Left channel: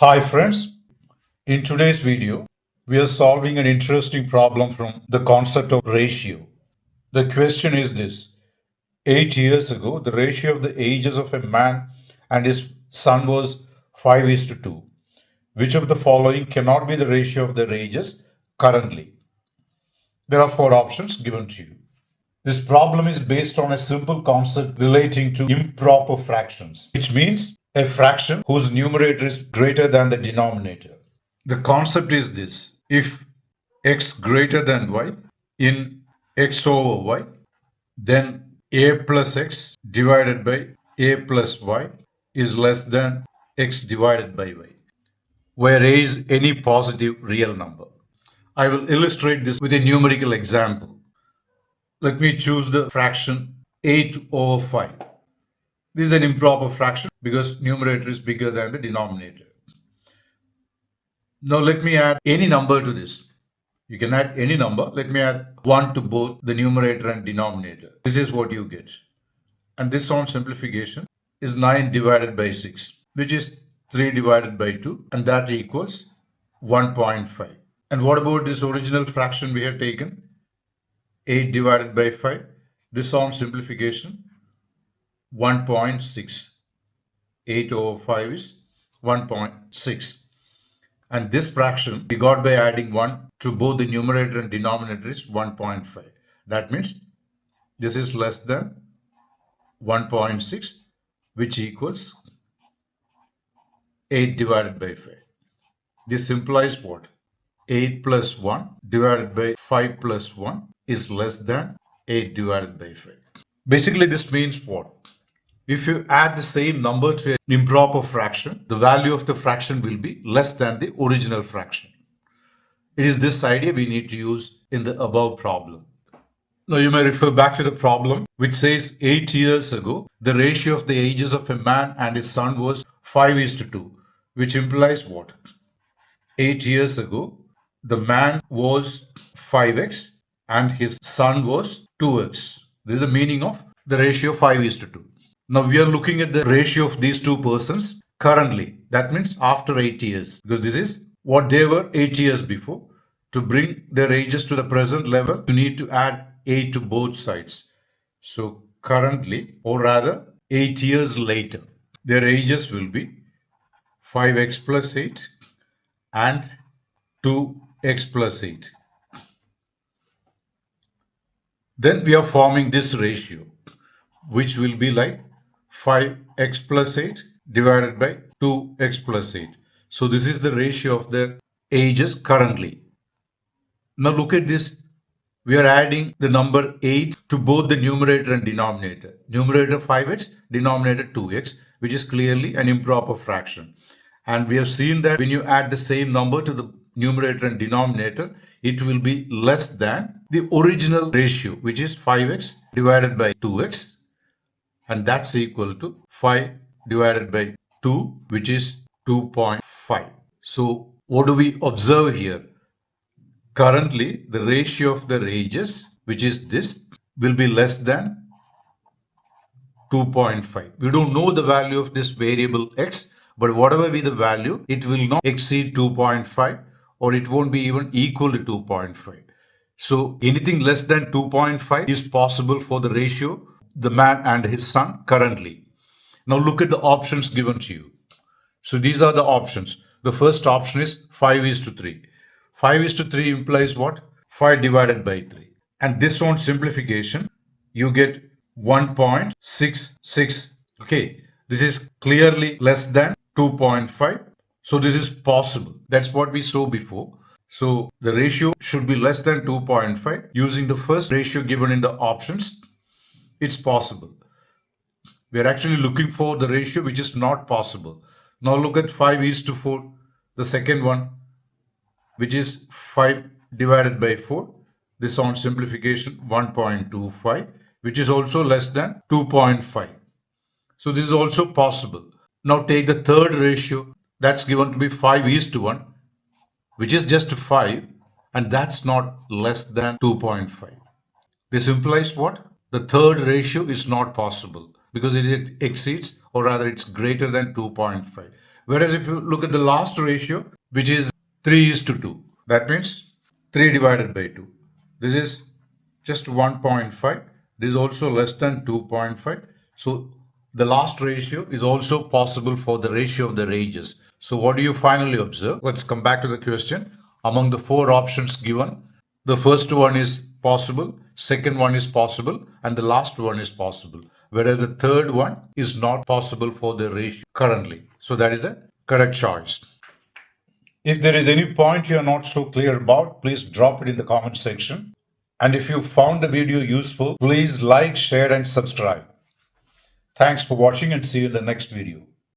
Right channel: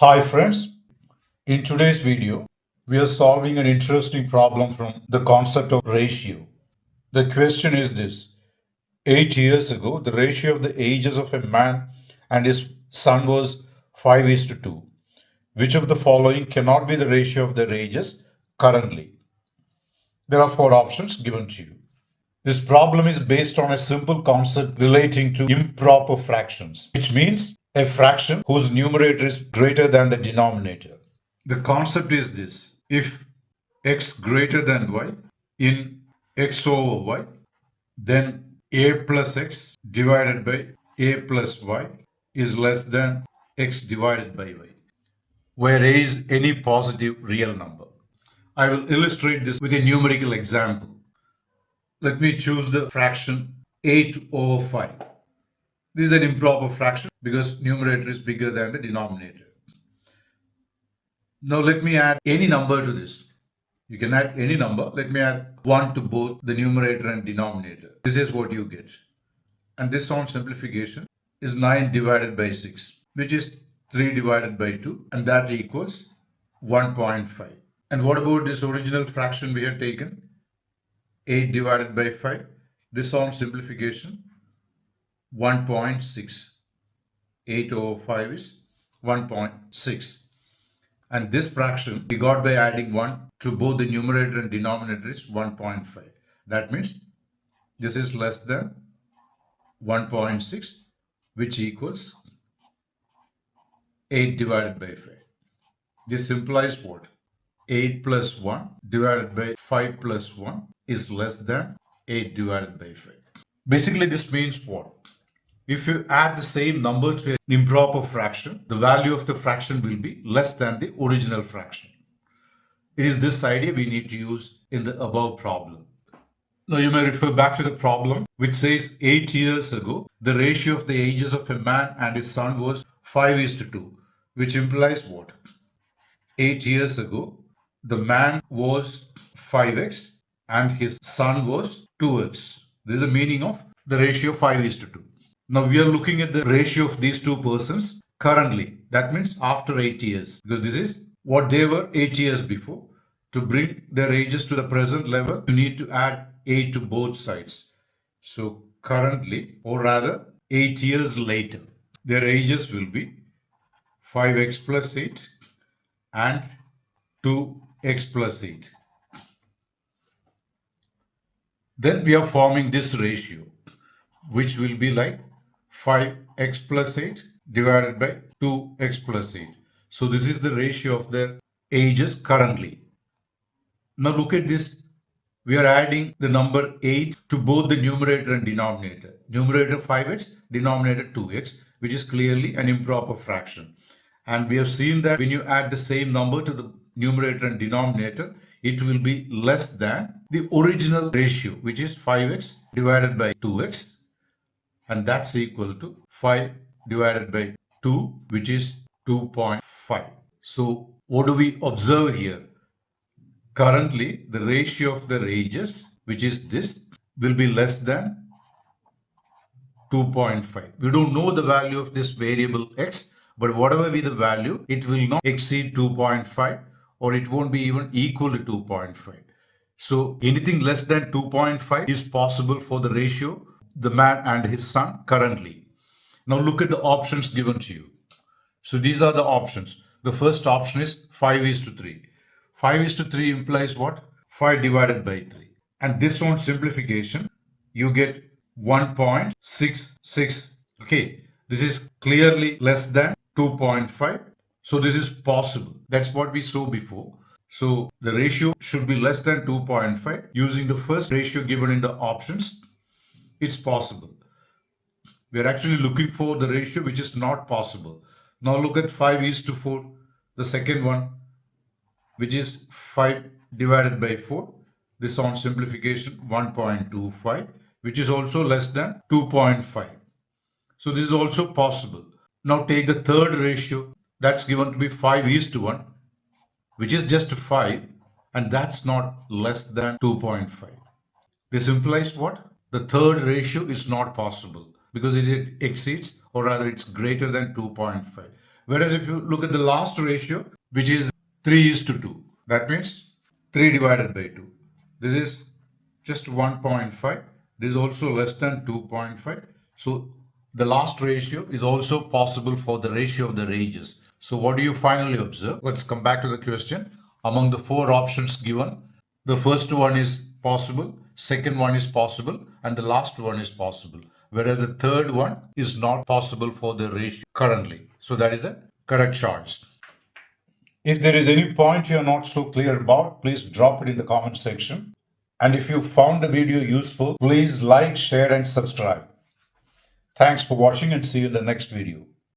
Hi friends, in today's video, we are solving an interesting problem from the concept of ratio. The question is this: 8 years ago, the ratio of the ages of a man and his son was 5 is to 2. Which of the following cannot be the ratio of their ages currently? There are four options given to you. This problem is based on a simple concept relating to improper fractions, which means a fraction whose numerator is greater than the denominator. The concept is this: if x greater than y in x over y, then a plus x divided by a plus y is less than x divided by y, where a is any positive real number. I will illustrate this with a numerical example. Let me choose the fraction 8 over 5. This is an improper fraction because numerator is bigger than the denominator. Now let me add any number to this. You can add any number. Let me add 1 to both the numerator and denominator. This is what you get. And this on simplification is 9 divided by 6, which is 3 divided by 2, and that equals 1.5. And what about this original fraction we had taken? 8 divided by 5. This on simplification, 1.6. 8 over 5 is 1.6. And this fraction we got by adding 1 to both the numerator and denominator is 1.5. That means this is less than 1.6, which equals 8 divided by 5. This implies what? 8 plus 1 divided by 5 plus 1 is less than 8 divided by 5. Basically, this means what? If you add the same number to an improper fraction, the value of the fraction will be less than the original fraction. It is this idea we need to use in the above problem. Now you may refer back to the problem which says 8 years ago, the ratio of the ages of a man and his son was 5 is to 2, which implies what? 8 years ago, the man was 5x and his son was 2x. This is the meaning of the ratio 5 is to 2. Now we are looking at the ratio of these two persons currently. That means after 8 years, because this is what they were 8 years before. To bring their ages to the present level, you need to add 8 to both sides. So currently, or rather 8 years later, their ages will be 5x plus 8 and 2x plus 8. Then we are forming this ratio, which will be like 5x plus 8 divided by 2x plus 8. So this is the ratio of their ages currently. Now look at this. We are adding the number 8 to both the numerator and denominator. Numerator 5x, denominator 2x, which is clearly an improper fraction. And we have seen that when you add the same number to the numerator and denominator, it will be less than the original ratio, which is 5x divided by 2x. And that's equal to 5 divided by 2, which is 2.5. So what do we observe here? Currently, the ratio of their ages, which is this, will be less than 2.5. We don't know the value of this variable x, but whatever be the value, it will not exceed 2.5 or it won't be even equal to 2.5. So anything less than 2.5 is possible for the ratio the man and his son currently. Now look at the options given to you. So these are the options. The first option is 5 is to 3. 5 is to 3 implies what? 5 divided by 3. And this one simplification, you get 1.66. Okay, this is clearly less than 2.5. So this is possible. That's what we saw before. So the ratio should be less than 2.5. Using the first ratio given in the options, it's possible. We're actually looking for the ratio which is not possible. Now look at 5 is to 4, the second one, which is 5 divided by 4. This on simplification 1.25, which is also less than 2.5. So this is also possible. Now take the third ratio, that's given to be 5 is to 1, which is just 5, and that's not less than 2.5. This implies what? The third ratio is not possible because it exceeds, or rather it's greater than 2.5. Whereas if you look at the last ratio, which is 3:2, that means 3 divided by 2. This is just 1.5. This is also less than 2.5. So the last ratio is also possible for the ratio of the ages. So what do you finally observe? Let's come back to the question. Among the four options given, the first one is possible, second one is possible, and the last one is possible. Whereas the third one is not possible for the ratio currently. So that is the correct choice. If there is any point you are not so clear about, please drop it in the comment section. And if you found the video useful, please like, share, and subscribe. Thanks for watching and see you in the next video.